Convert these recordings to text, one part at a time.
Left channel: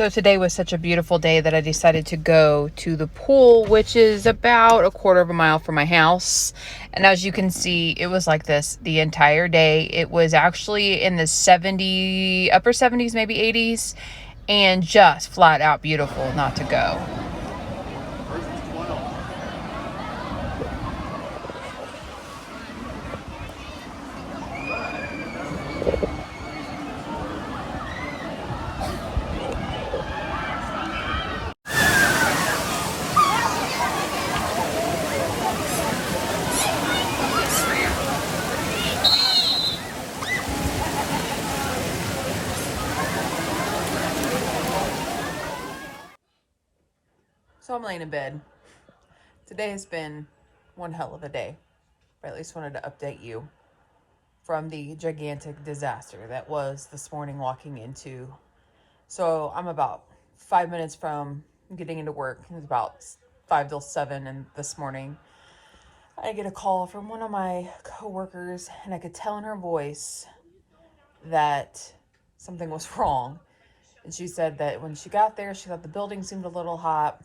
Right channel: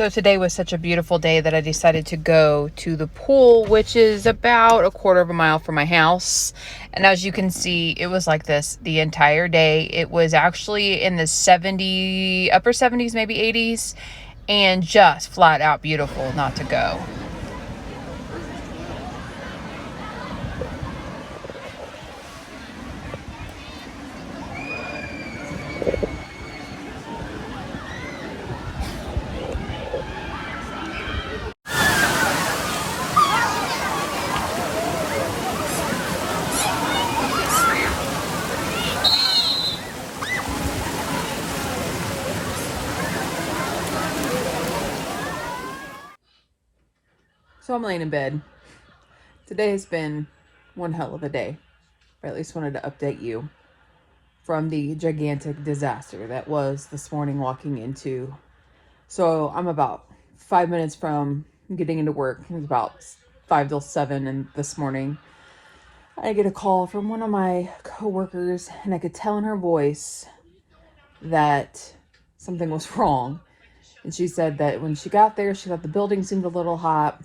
So today was such a beautiful day that I decided to go to the pool, which is about a quarter of a mile from my house. And as you can see, it was like this the entire day. It was actually in the upper 70s, maybe 80s, and just flat out beautiful not to go. So I'm laying in bed. Today has been one hell of a day. I at least wanted to update you from the gigantic disaster that was this morning walking into. So I'm about 5 minutes from getting into work. It was about 5 till 7, and this morning I get a call from one of my coworkers, and I could tell in her voice that something was wrong. And she said that when she got there, she thought the building seemed a little hot,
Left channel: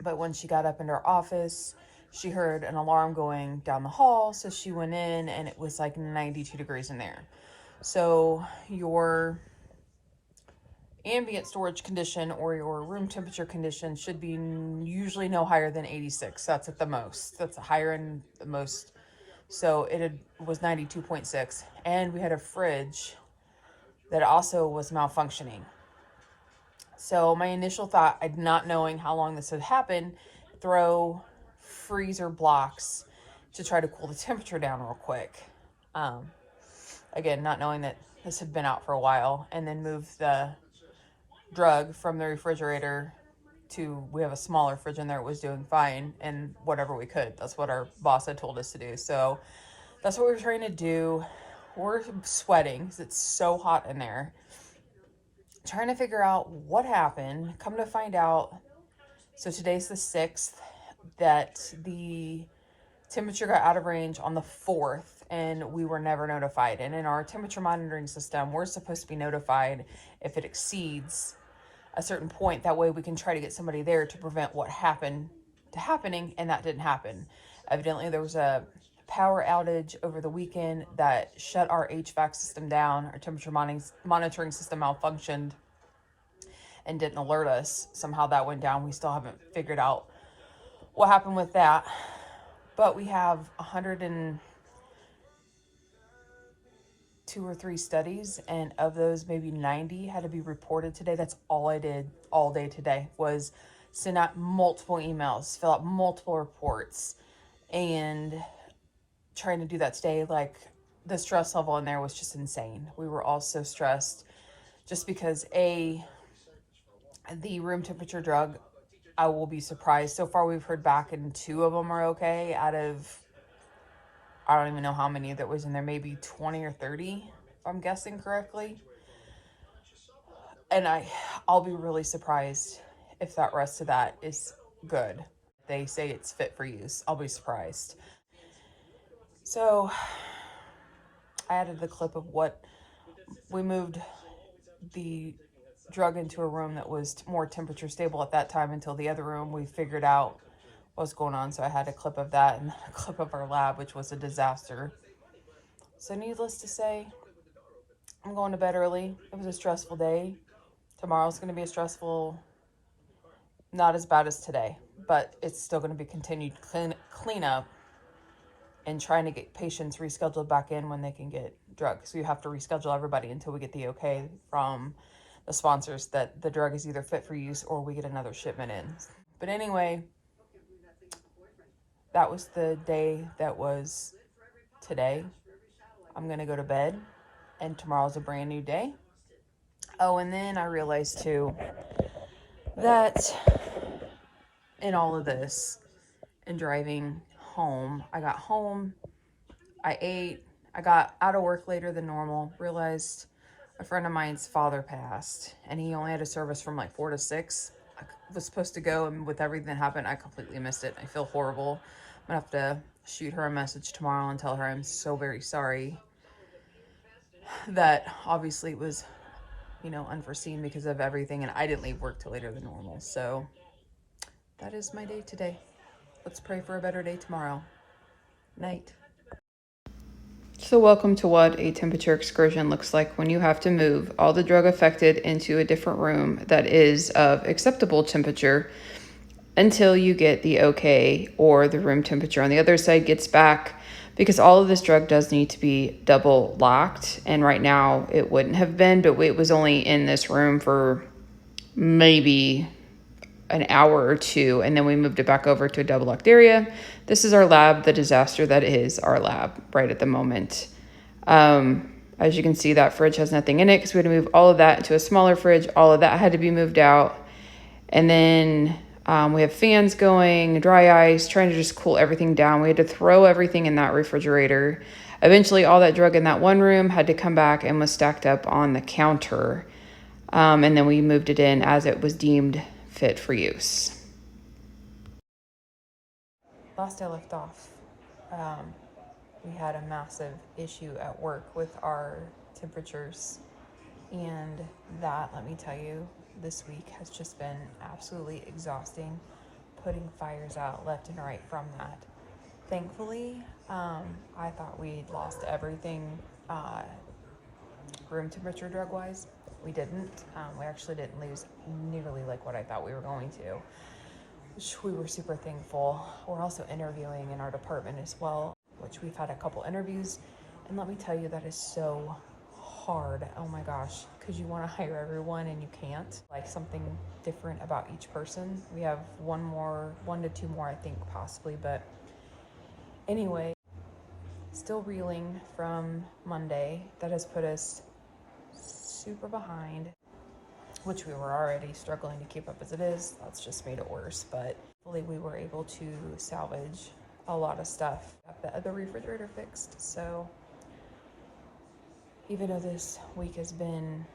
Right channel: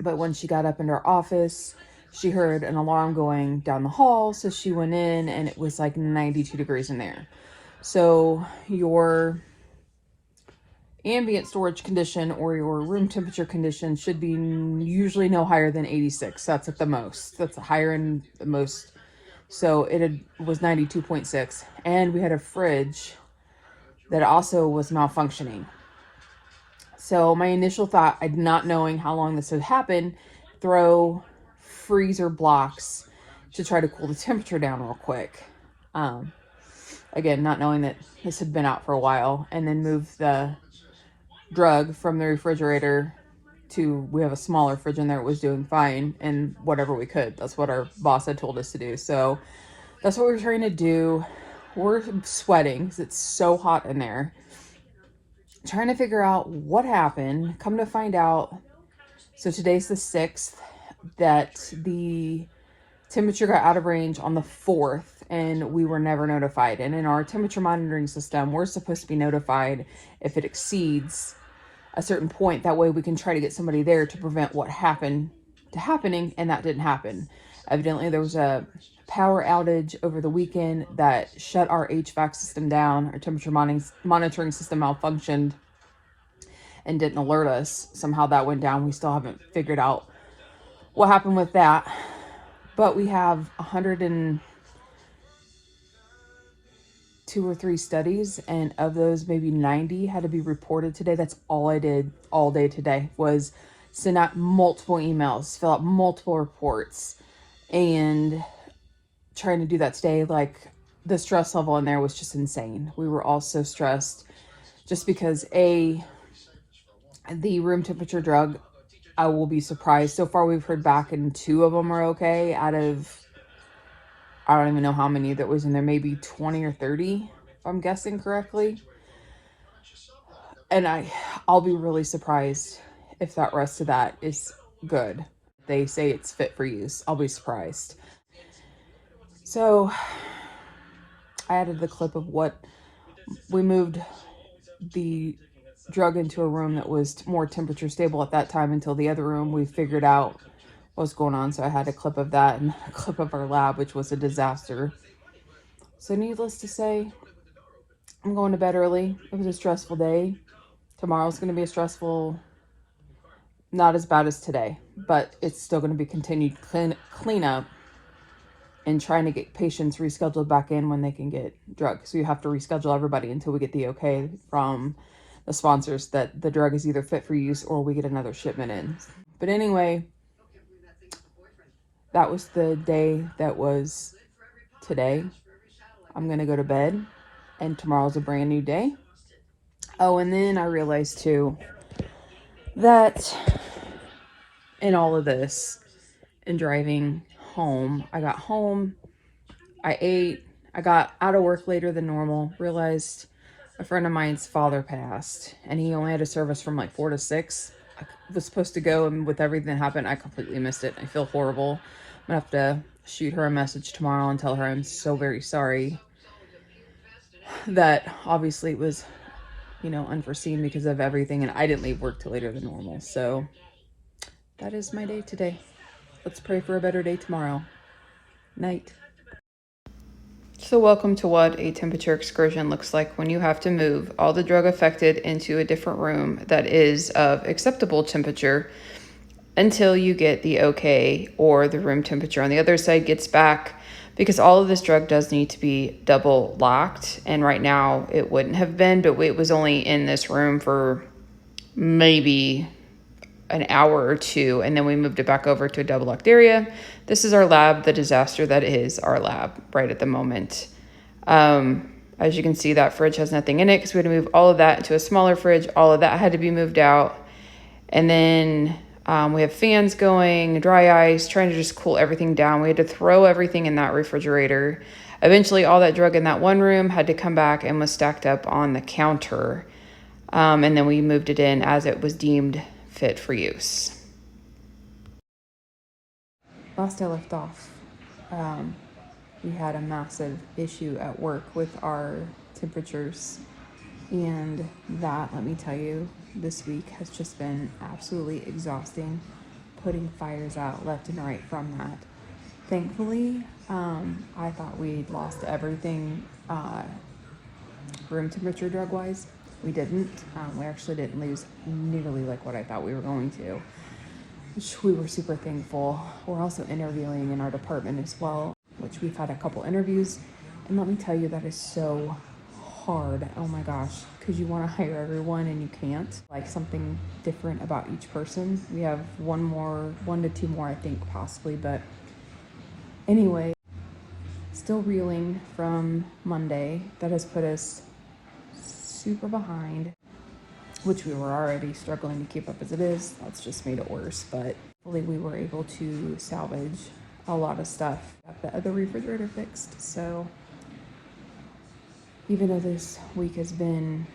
but when she got up into her office, she heard an alarm going down the hall. So she went in, and it was like 92 degrees in there. So your ambient storage condition or your room temperature condition should be usually no higher than 86. That's at the most. That's higher in the most. So was 92.6. And we had a fridge that also was malfunctioning. So my initial thought, not knowing how long this had happened, throw freezer blocks to try to cool the temperature down real quick. Again, not knowing that this had been out for a while, and then move the drug from the refrigerator to, we have a smaller fridge in there. It was doing fine, and whatever we could. That's what our boss had told us to do. So that's what we're trying to do. We're sweating because it's so hot in there. Trying to figure out what happened. Come to find out, so today's the 6th, that the temperature got out of range on the 4th, and we were never notified. And in our temperature monitoring system, we're supposed to be notified if it exceeds a certain point. That way we can try to get somebody there to prevent what happened to happening, and that didn't happen. Evidently there was a power outage over the weekend that shut our HVAC system down. Our temperature monitoring system malfunctioned and didn't alert us. Somehow that went down. We still haven't figured out what happened with that. But we have 102 or 3 studies, and of those, maybe 90 had to be reported today. That's all I did all day today, was send out multiple emails, fill out multiple reports, and trying to do that today. Like, the stress level in there was just insane. We were all so stressed just because the room temperature drug, I will be surprised. So far we've heard back, and 2 of them are okay out of, I don't even know how many that was in there, maybe 20 or 30, if I'm guessing correctly. And I'll be really surprised if that rest of that is good. They say it's fit for use. I'll be surprised. So I added the clip of what we moved the drug into a room that was more temperature stable at that time, until the other room we figured out what was going on. So I had a clip of that and a clip of our lab, which was a disaster. So needless to say, I'm going to bed early. It was a stressful day. Tomorrow's going to be a stressful, not as bad as today, but it's still going to be continued cleanup and trying to get patients rescheduled back in when they can get drugs. So you have to reschedule everybody until we get the okay from the sponsors that the drug is either fit for use or we get another shipment in. But anyway, that was the day that was today. I'm going to go to bed, and tomorrow's a brand new day. Oh, and then I realized too that in all of this, in driving home, I got home, I ate, I got out of work later than normal, realized a friend of mine's father passed, and he only had a service from like 4 to 6. I was supposed to go, and with everything that happened, I completely missed it. I feel horrible. I'm gonna have to shoot her a message tomorrow and tell her I'm so very sorry that obviously it was you know, unforeseen because of everything, and I didn't leave work till later than normal. So that is my day today. Let's pray for a better day tomorrow. Night. So welcome to what a temperature excursion looks like when you have to move all the drug affected into a different room that is of acceptable temperature until you get the okay, or the room temperature on the other side gets back, because all of this drug does need to be double locked. And right now it wouldn't have been, but it was only in this room for maybe an hour or two, and then we moved it back over to a double locked area. This is our lab, the disaster that is our lab right at the moment. As you can see, that fridge has nothing in it because we had to move all of that into a smaller fridge. All of that had to be moved out. And then we have fans going, dry ice, trying to just cool everything down. We had to throw everything in that refrigerator. Eventually, all that drug in that one room had to come back and was stacked up on the counter. And then we moved it in as it was deemed fit for use. Last I left off, we had a massive issue at work with our temperatures, and that, let me tell you, this week has just been absolutely exhausting, putting fires out left and right from that. Thankfully, I thought we'd lost everything room temperature drug wise. We didn't. We actually didn't lose nearly like what I thought we were going to, which we were super thankful. We're also interviewing in our department as well, which we've had a couple interviews, and let me tell you, that is so hard. Oh my gosh, because you want to hire everyone and you can't. Like, something different about each person. We have one to two more, I think, possibly, but anyway, still reeling from Monday. That has put us super behind, which we were already struggling to keep up as it is. That's just made it worse, but hopefully we were able to salvage a lot of stuff. Got the other refrigerator fixed, so even though this week has been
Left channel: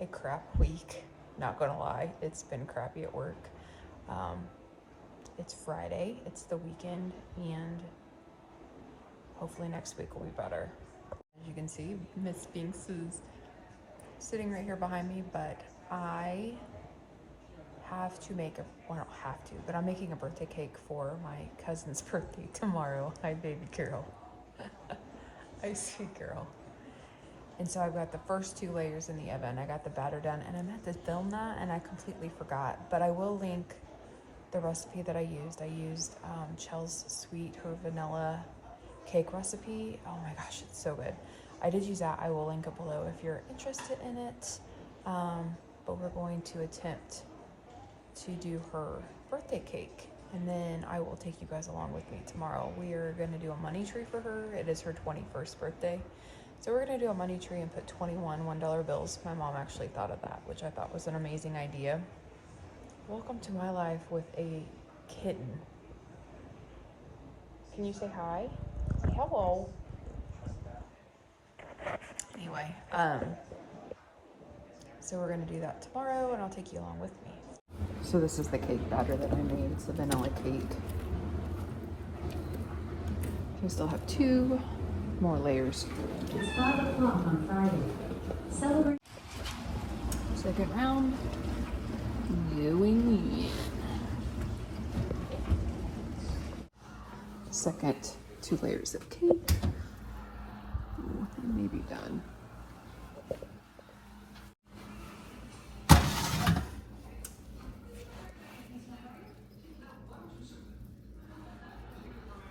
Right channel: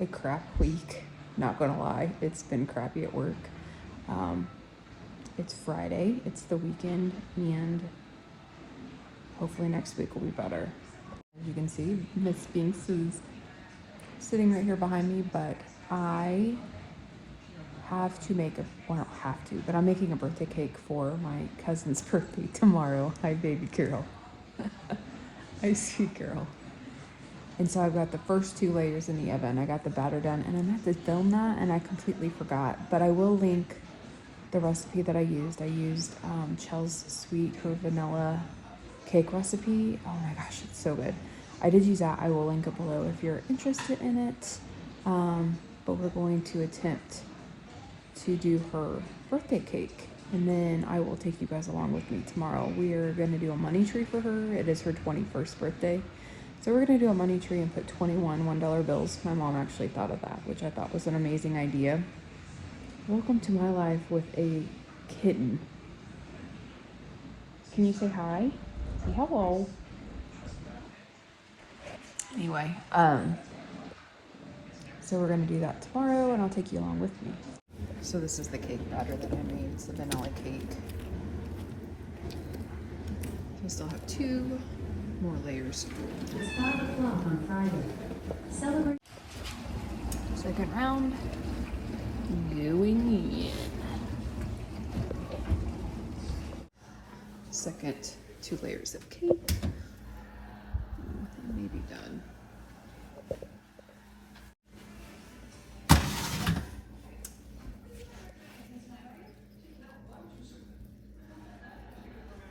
a crap week, not gonna lie, it's been crappy at work. It's Friday, it's the weekend, and hopefully next week will be better. As you can see, Miss Spinks is sitting right here behind me, but I have to make well, I don't have to, but I'm making a birthday cake for my cousin's birthday tomorrow. Hi, baby girl. Hi, sweet girl. And so I've got the first 2 layers in the oven. I got the batter done, and I meant to film that, and I completely forgot. But I will link the recipe that I used. I used Chelsweet, her vanilla cake recipe. Oh my gosh, it's so good. I did use that. I will link it below if you're interested in it. But we're going to attempt to do her birthday cake, and then I will take you guys along with me tomorrow. We are going to do a money tree for her. It is her 21st birthday. So we're going to do a money tree and put 21 $1 bills. My mom actually thought of that, which I thought was an amazing idea. Welcome to my life with a kitten. Can you say hi? Say hello. Anyway, so we're going to do that tomorrow, and I'll take you along with me. So this is the cake batter that I made. It's the vanilla cake. I still have 2 more layers. It's 5 o'clock on Friday. Celebrate. Second round. Going in. Second 2 layers of cake. They may be done.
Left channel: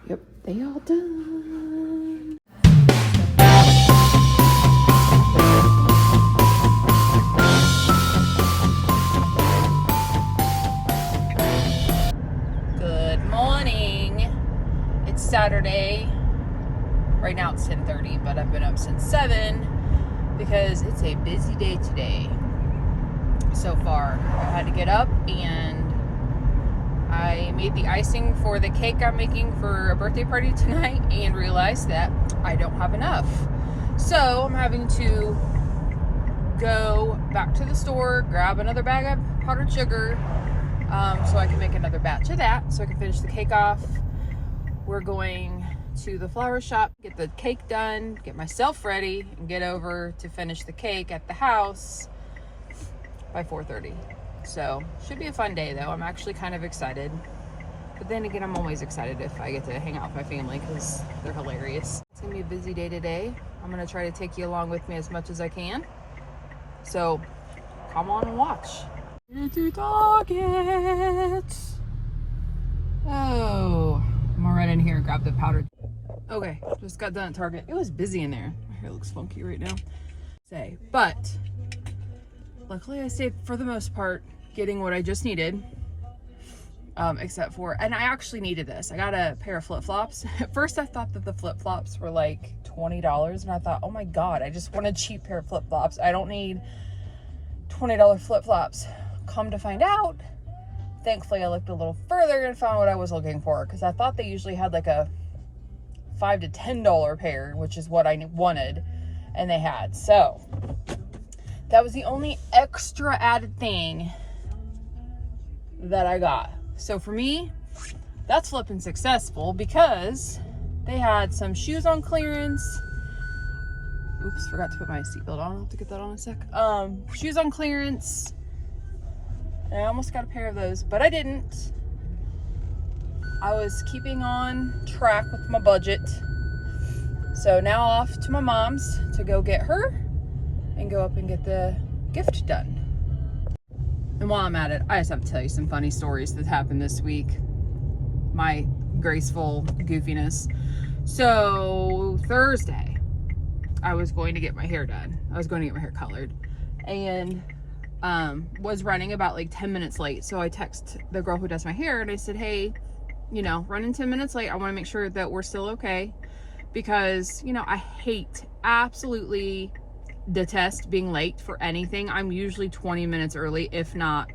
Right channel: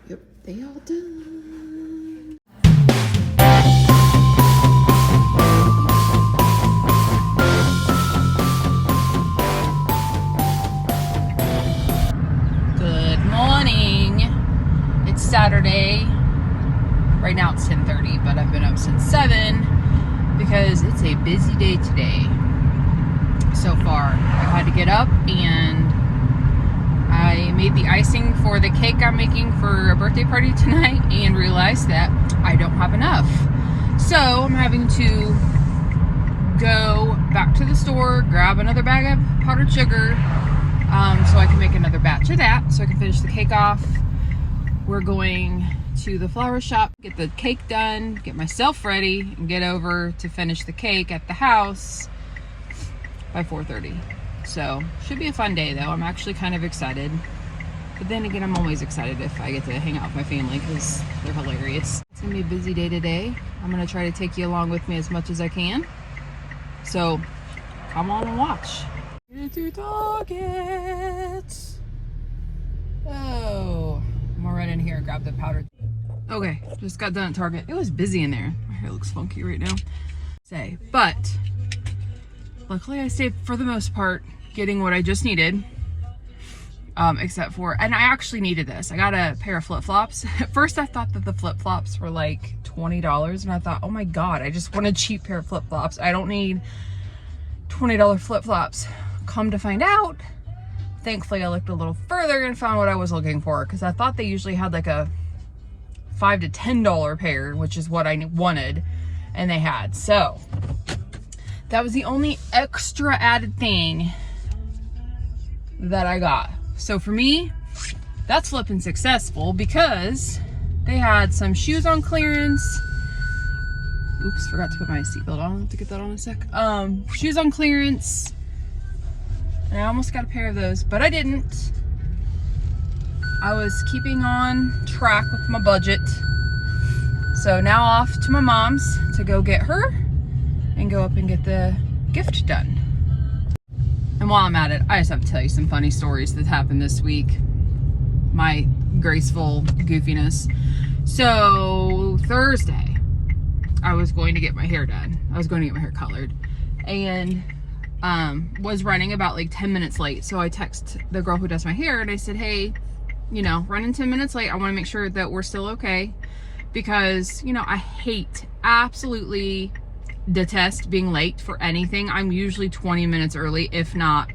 Yep, they all done. Good morning. It's Saturday. Right now it's 10:30, but I've been up since 7 because it's a busy day today. So far, I had to get up and I made the icing for the cake I'm making for a birthday party tonight and realized that I don't have enough. So I'm having to go back to the store, grab another bag of powdered sugar so I can make another batch of that so I can finish the cake off. We're going to the flower shop, get the cake done, get myself ready, and get over to finish the cake at the house by 4:30. So should be a fun day though. I'm actually kind of excited. But then again, I'm always excited if I get to hang out with my family because they're hilarious. It's gonna be a busy day today. I'm gonna try to take you along with me as much as I can. So come on and watch. To Target. Oh, I'm gonna run in here and grab the powder. Okay, just got done at Target. It was busy in there. My hair looks funky right now. But luckily I stayed for the most part getting what I just needed. Except for, and I actually needed this. I got a pair of flip-flops. At first I thought that the flip-flops were like $20 and I thought, oh my God, I just want a cheap pair of flip-flops. I don't need $20 flip-flops. Come to find out, thankfully I looked a little further and found what I was looking for, because I thought they usually had like a $5 to $10 pair, which is what I wanted, and they had. So that was the only extra added thing that I got. So for me, that's flipping successful, because they had some shoes on clearance. Oops, forgot to put my seatbelt on. I'll have to get that on in a sec. Shoes on clearance. And I almost got a pair of those, but I didn't. I was keeping on track with my budget. So now off to my mom's to go get her and go up and get the gift done. And while I'm at it, I just have to tell you some funny stories that happened this week. My graceful goofiness. So Thursday, I was going to get my hair done. I was going to get my hair colored, and was running about like 10 minutes late. So I text the girl who does my hair and I said, hey, you know, running 10 minutes late. I want to make sure that we're still okay, because, you know, I absolutely detest being late for anything. I'm usually 20 minutes early, if not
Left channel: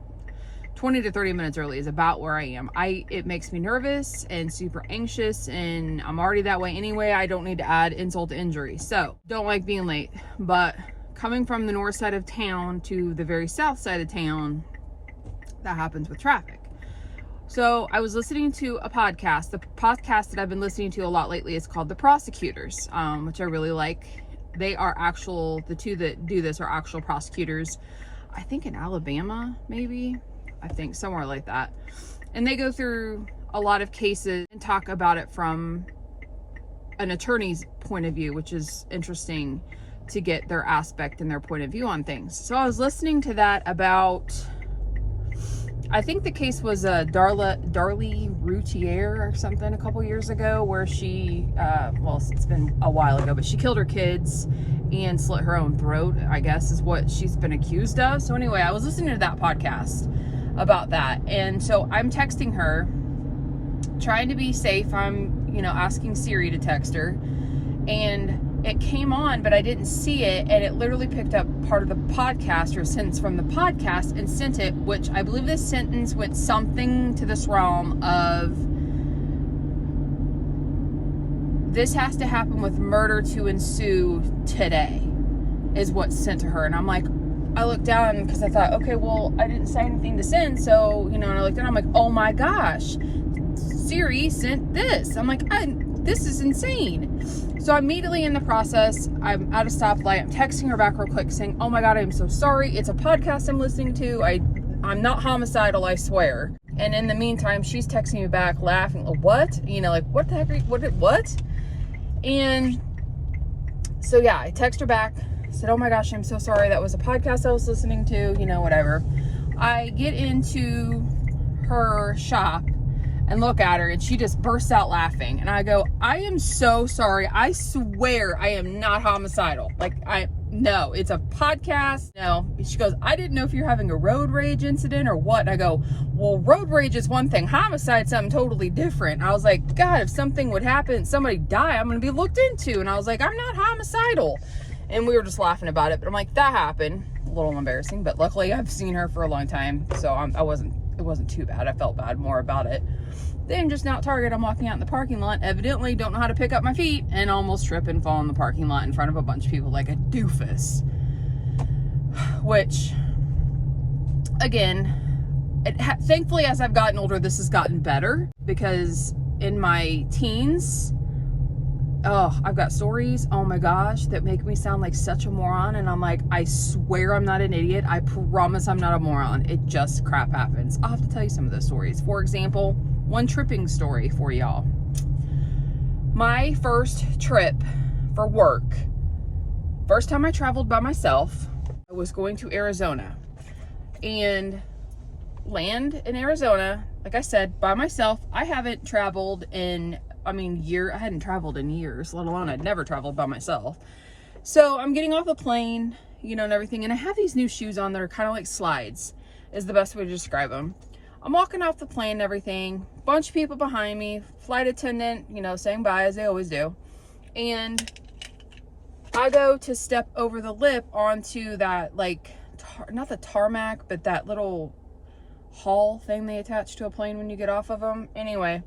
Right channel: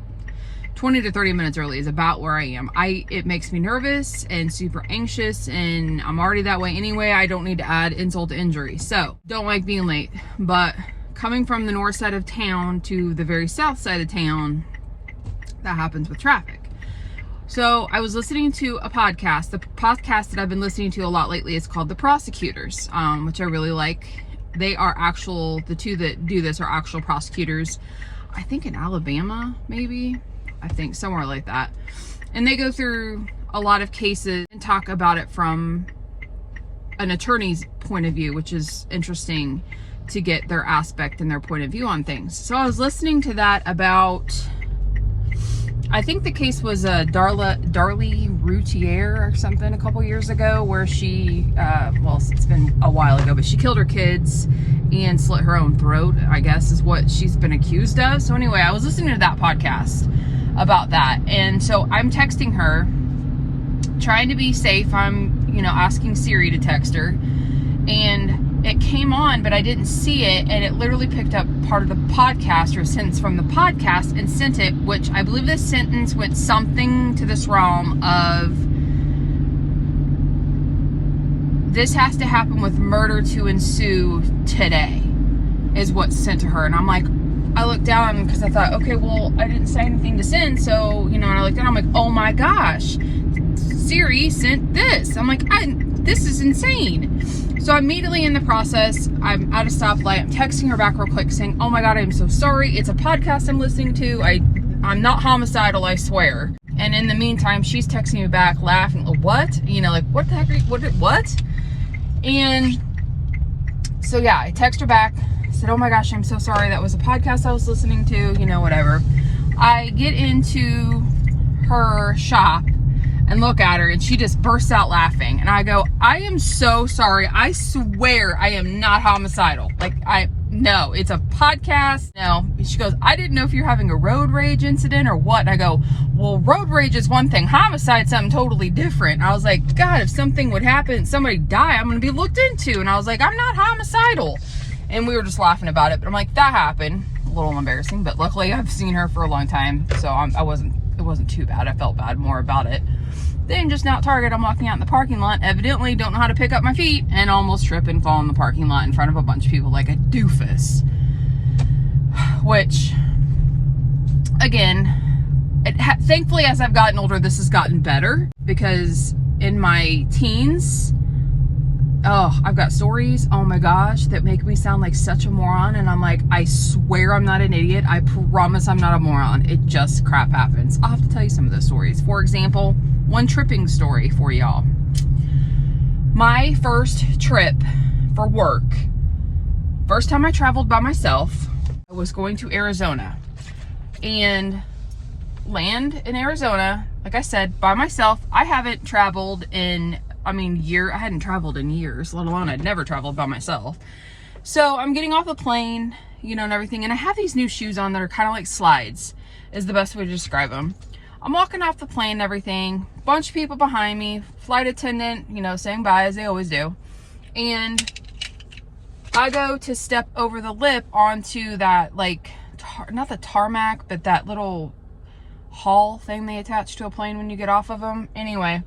20 to 30 minutes early is about where I am. It makes me nervous and super anxious, and I'm already that way anyway. I don't need to add insult to injury. So don't like being late. But coming from the north side of town to the very south side of town, that happens with traffic. So I was listening to a podcast. The podcast that I've been listening to a lot lately is called The Prosecutors, which I really like. They are the two that do this are actual prosecutors, I think in Alabama, maybe, I think somewhere like that. And they go through a lot of cases and talk about it from an attorney's point of view, which is interesting to get their aspect and their point of view on things. So I was listening to that about, I think the case was Darlie Routier or something a couple years ago, where she, well, it's been a while ago, but she killed her kids and slit her own throat, I guess is what she's been accused of. So anyway, I was listening to that podcast about that. And so I'm texting her, trying to be safe. I'm, you know, asking Siri to text her, and it came on, but I didn't see it, and it literally picked up part of the podcast or a sentence from the podcast and sent it, which I believe this sentence went something to this realm of, this has to happen with murder to ensue today, is what's sent to her. And I'm like, I looked down because I thought, okay, well, I didn't say anything to send, so, you know, and I looked down, I'm like, oh my gosh, Siri sent this. I'm like, this is insane. So immediately in the process, I'm at a stoplight. I'm texting her back real quick saying, oh my God, I'm so sorry. It's a podcast I'm listening to. I'm not homicidal, I swear. And in the meantime, she's texting me back laughing. What? You know, like, what the heck are you, what? And so yeah, I text her back. I said, oh my gosh, I'm so sorry. That was a podcast I was listening to, you know, whatever. I get into her shop and look at her, and she just bursts out laughing. And I go, I am so sorry. I swear I am not homicidal. Like, no, it's a podcast. No. She goes, I didn't know if you're having a road rage incident or what. And I go, well, road rage is one thing. Homicide's something totally different. I was like, God, if something would happen and somebody die, I'm going to be looked into. And I was like, I'm not homicidal. And we were just laughing about it. But I'm like, that happened. A little embarrassing, but luckily I've seen her for a long time. So it wasn't too bad. I felt bad more about it. Then just now at Target, I'm walking out in the parking lot, evidently don't know how to pick up my feet, and almost trip and fall in the parking lot in front of a bunch of people like a doofus. Which, again, thankfully as I've gotten older, this has gotten better, because in my teens, oh, I've got stories, oh my gosh, that make me sound like such a moron. And I'm like, I swear I'm not an idiot. I promise I'm not a moron. It just crap happens. I'll have to tell you some of those stories. For example, one tripping story for y'all. My first trip for work, first time I traveled by myself, I was going to Arizona and land in Arizona. Like I said, by myself. I haven't traveled in, I hadn't traveled in years, let alone I'd never traveled by myself. So I'm getting off the plane, you know, and everything. And I have these new shoes on that are kind of like slides, is the best way to describe them. I'm walking off the plane and everything. Bunch of people behind me, flight attendant, you know, saying bye as they always do. And I go to step over the lip onto that, like, not the tarmac, but that little hall thing they attach to a plane when you get off of them. Anyway,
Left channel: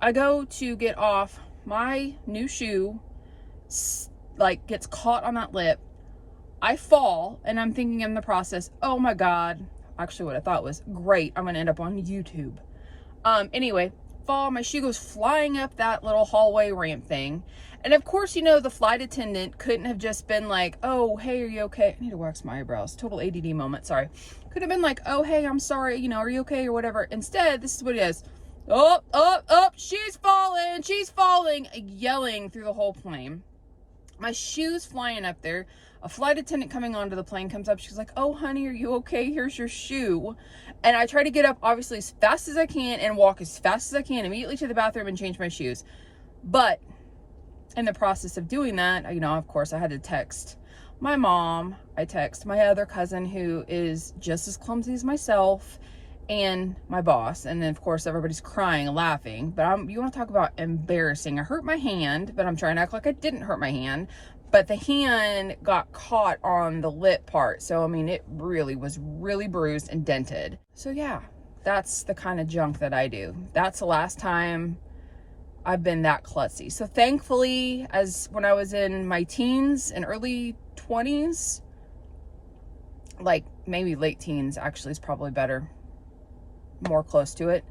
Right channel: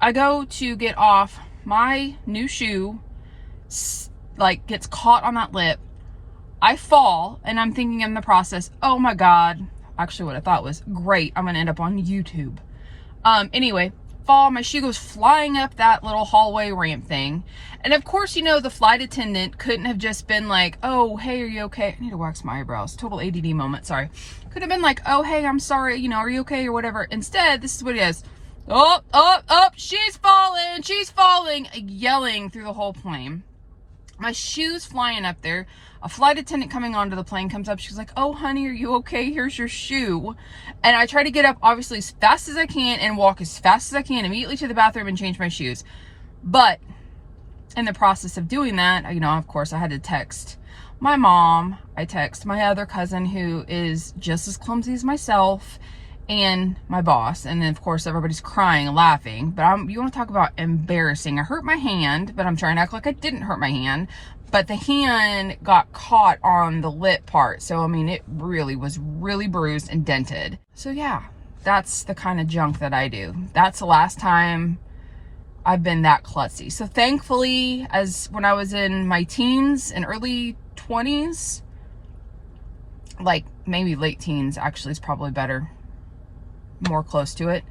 I go to get off. My new shoe, like, gets caught on that lip. I fall, and I'm thinking in the process, oh my God. Actually, what I thought was, great, I'm going to end up on YouTube. Anyway, fall, my shoe goes flying up that little hallway ramp thing. And of course, you know, the flight attendant couldn't have just been like, oh, hey, are you okay? I need to wax my eyebrows. Total ADD moment, sorry. Could have been like, oh, hey, I'm sorry, you know, are you okay, or whatever. Instead, this is what it is. Oh, she's falling, yelling through the whole plane. My shoe's flying up there. A flight attendant coming onto the plane comes up. She's like, oh, honey, are you okay? Here's your shoe. And I try to get up, obviously, as fast as I can and walk as fast as I can immediately to the bathroom and change my shoes. But in the process of doing that, you know, of course, I had to text my mom. I text my other cousin, who is just as clumsy as myself, and my boss. And then, of course, everybody's crying and laughing. But you want to talk about embarrassing. I hurt my hand, but I'm trying to act like I didn't hurt my hand. But the hand got caught on the lip part. So, I mean, it really was really bruised and dented. So, yeah, that's the kind of junk that I do. That's the last time I've been that klutzy. So, thankfully, as when I was in my teens and early 20s, like maybe late teens, actually is probably better, more close to it,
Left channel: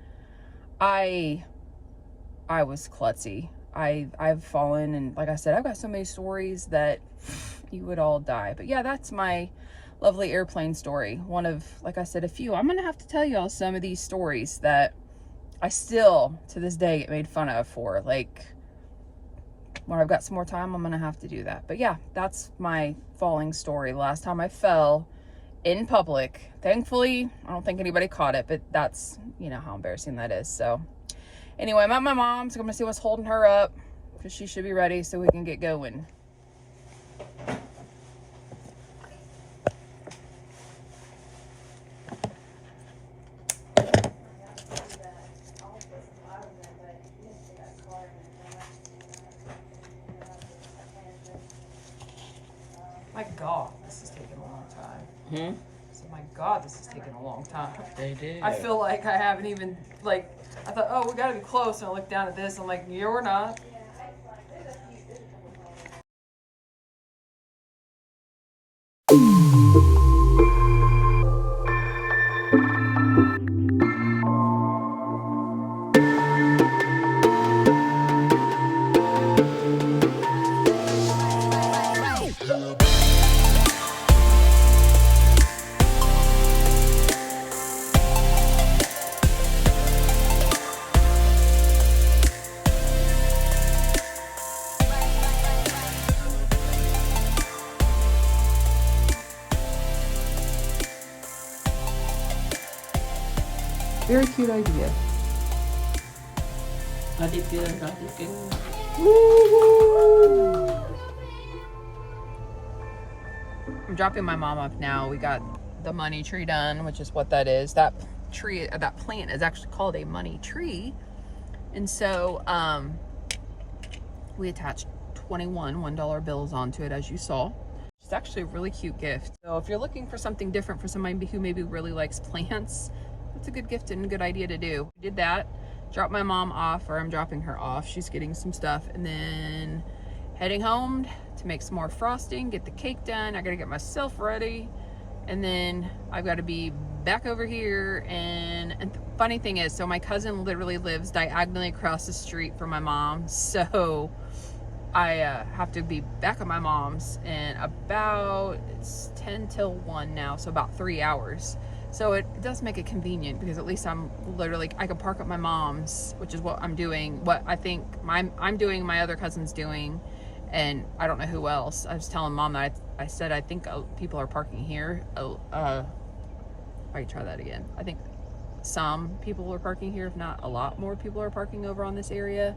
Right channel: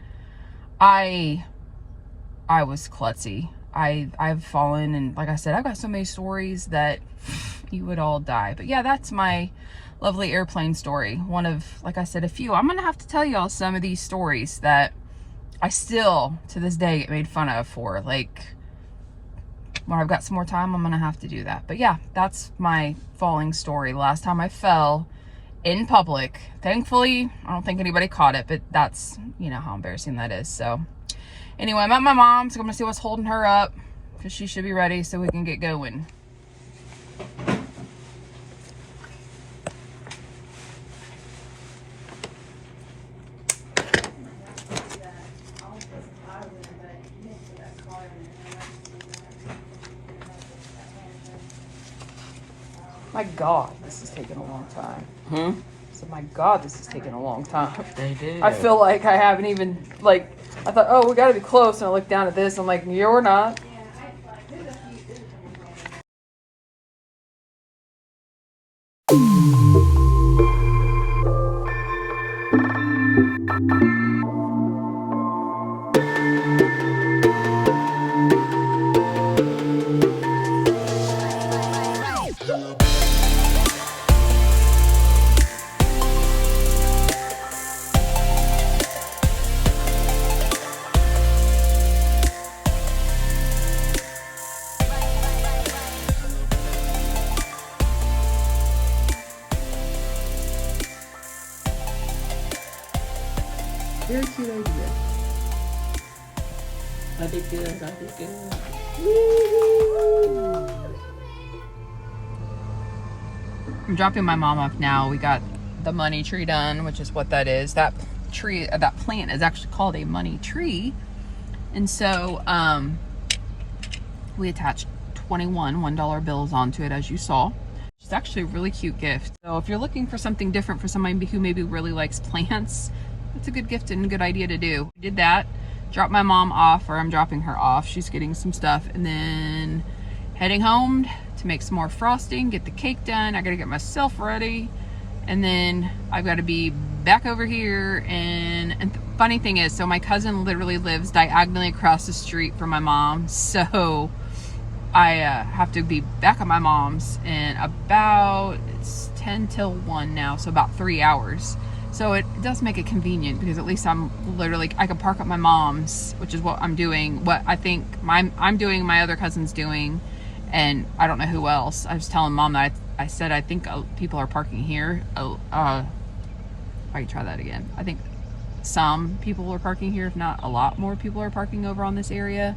I was klutzy. I've fallen, and like I said, I've got so many stories that you would all die. But yeah, that's my lovely airplane story. One of, like I said, a few. I'm gonna have to tell y'all some of these stories that I still to this day get made fun of for. Like, when I've got some more time, I'm gonna have to do that. But yeah, that's my falling story. Last time I fell in public. Thankfully, I don't think anybody caught it, but that's, you know, how embarrassing that is. So anyway, I'm at my mom's. I'm gonna see what's holding her up, because she should be ready so we can get going. My God, this is taking a long time. So my God, this is taking a long time. I feel like I haven't even, like, I thought, oh, we gotta be close, and I look down at this, I'm like, you're not. Very cute idea. I'm dropping my mom off now. We got the money tree done, which is what that is. That tree, that plant is actually called a money tree. And so we attached 21 $1 bills onto it, as you saw. It's actually a really cute gift. So if you're looking for something different for somebody who maybe really likes plants, it's a good gift and a good idea to do. I did that, dropped my mom off, or I'm dropping her off. She's getting some stuff, and then heading home to make some more frosting, get the cake done. I gotta get myself ready, and then I've got to be back over here. And the funny thing is, so my cousin literally lives diagonally across the street from my mom. So I have to be back at my mom's in about, it's 10 till 1 now, so about 3 hours. So it does make it convenient because at least I'm literally, I can park at my mom's, which is what I'm doing, what I think I'm doing, my other cousin's doing, and I don't know who else. I was telling mom that I said I think people are parking here. I can try that again. I think some people are parking here, if not a lot more people are parking over on this area,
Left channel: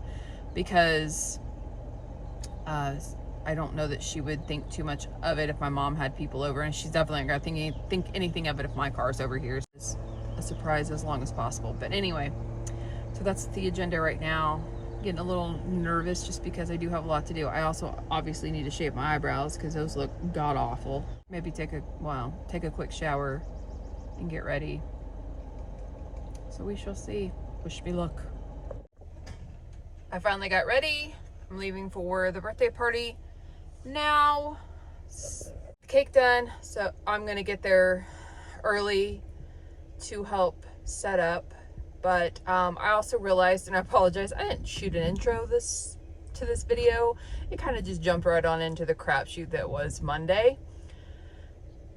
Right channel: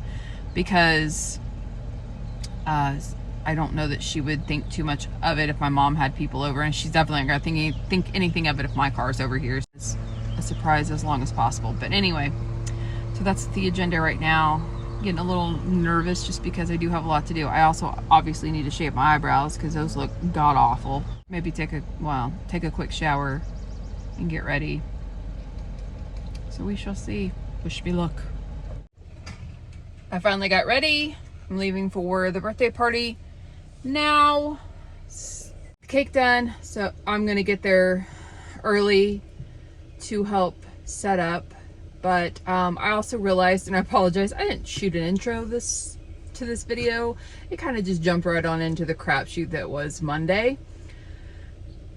because I don't know that she would think too much of it if my mom had people over, and she's definitely not gonna think anything of it if my car's over here. It's a surprise as long as possible. But anyway, so that's the agenda right now. Getting a little nervous just because I do have a lot to do. I also obviously need to shave my eyebrows because those look god awful. Maybe take a quick shower and get ready. So we shall see. Wish me luck. I finally got ready. I'm leaving for the birthday party now. Cake done, so I'm gonna get there early to help set up. But I also realized, and I apologize, I didn't shoot an intro to this video. It kind of just jumped right on into the crapshoot that was Monday.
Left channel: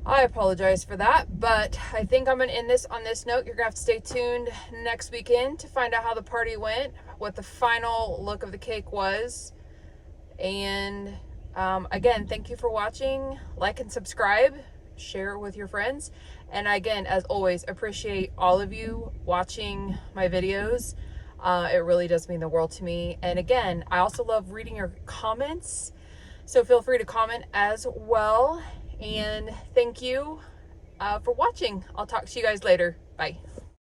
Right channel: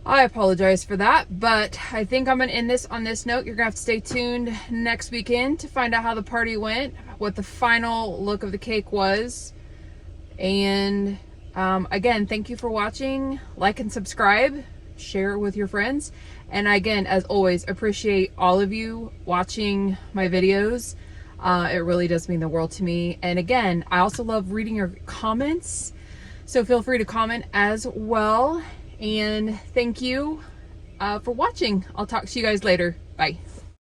I apologize for that, but I think I'm gonna end this on this note. You're gonna have to stay tuned next weekend to find out how the party went, what the final look of the cake was. And again, thank you for watching. Like and subscribe, share it with your friends. And again, as always, appreciate all of you watching my videos. It really does mean the world to me. And again, I also love reading your comments, so feel free to comment as well. And thank you for watching. I'll talk to you guys later. Bye.